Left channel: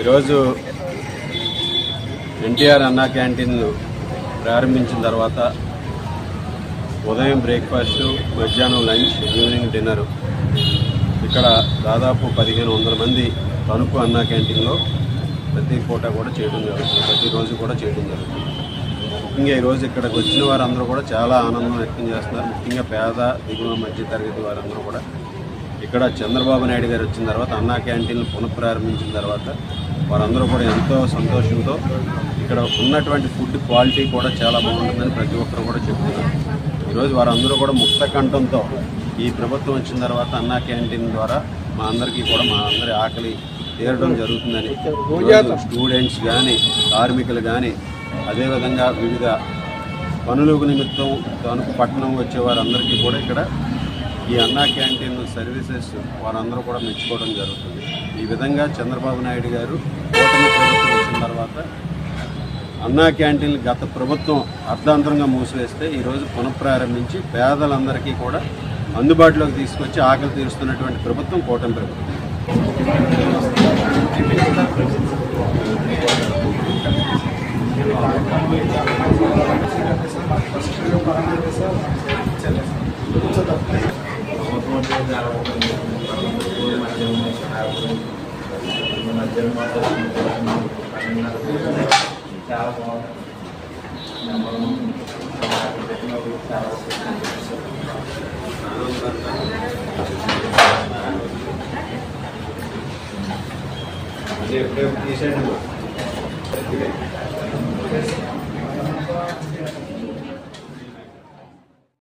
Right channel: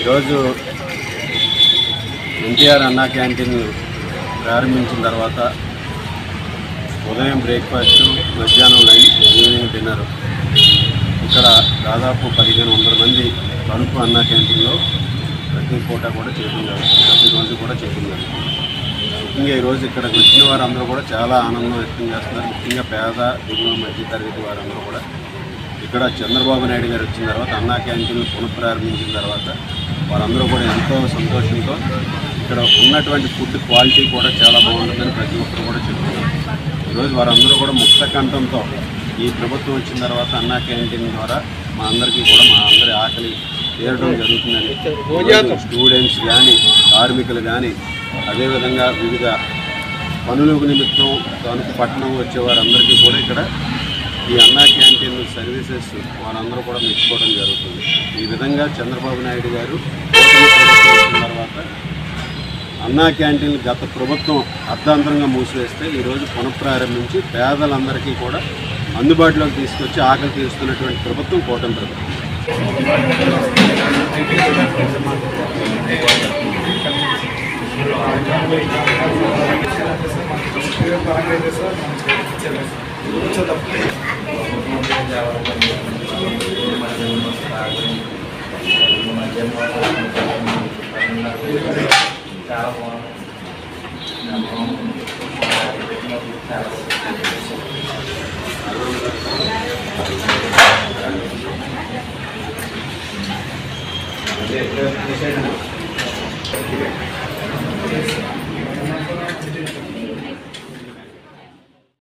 ఈరోజు ఎన్టీఆర్ అన్నా క్యాంటీన్లు ప్రారంభించిన తర్వాత ఉదయం బ్రేక్ఫాస్టు, మధ్యాహ్నం లంచ్, ఈవినింగ్ డిన్నర్ ఇక్కడ దాదాపు 1500 మంది తణుకు అన్నా క్యాంటీన్లో ప్రతి పూట కూడా చేయడం జరుగుతుంది, ప్రతిరోజు కూడా చేయడం జరుగుతుంది. ముఖ్యంగా ఈరోజు ఇక్కడికి వచ్చిన వారందరూ కూడా చాలా ఆనందం వ్యక్తం చేస్తున్నారు. ముఖ్యంగా పేద దిగువ మధ్య తరగతి వారందరూ కూడా ఇక్కడ చంద్రబాబు నాయుడు గారు వచ్చిన తర్వాత అన్నా క్యాంటీన్లు పునఃప్రారంభించిన తర్వాత వారందరూ కూడా ఎంతో సంతోషంతో ఇక్కడ ఉన్నటువంటి ఫుడ్ క్వాలిటీ కూడా చాలా బాగుంటుందని ప్రతి ఒక్కరు కూడా చెప్తున్నారు. ఈరోజు వారందరూ కూడా ముక్త కంఠంతో ఈ ప్రభుత్వం వచ్చిన తర్వాత అన్నా క్యాంటీన్ ద్వారా మా అందరికీ కూడా మా అందరి ఆకలి తీరడం జరుగుతుందని స్టూడెంట్స్ కానీ, కార్మికులు కానీ, అదేవిధంగా వివిధ పనుల నిమిత్తం తణుకు పట్టణం వచ్చే వారందరికీ కూడా ఇక్కడ ఈ అన్నా క్యాంటీన్ సర్వీసెస్ వారందరూ కూడా మెచ్చుకోవడం జరుగుతుంది. ఈ విధంగా చంద్రబాబు నాయుడు గారు కూటమి ప్రభుత్వం వచ్చిన తర్వాత అన్నా క్యాంటీన్లు గత ప్రభుత్వం అర్ధాంతరంగా మూసివేస్తే ఈరోజు పునఃప్రారంభించి పేదలందరికీ కూడా అందుబాటులోకి తీసుకొచ్చి ఆకలి తీరుస్తున్నటువంటి ప్రభుత్వం కూటమి ప్రభుత్వం. Gracias.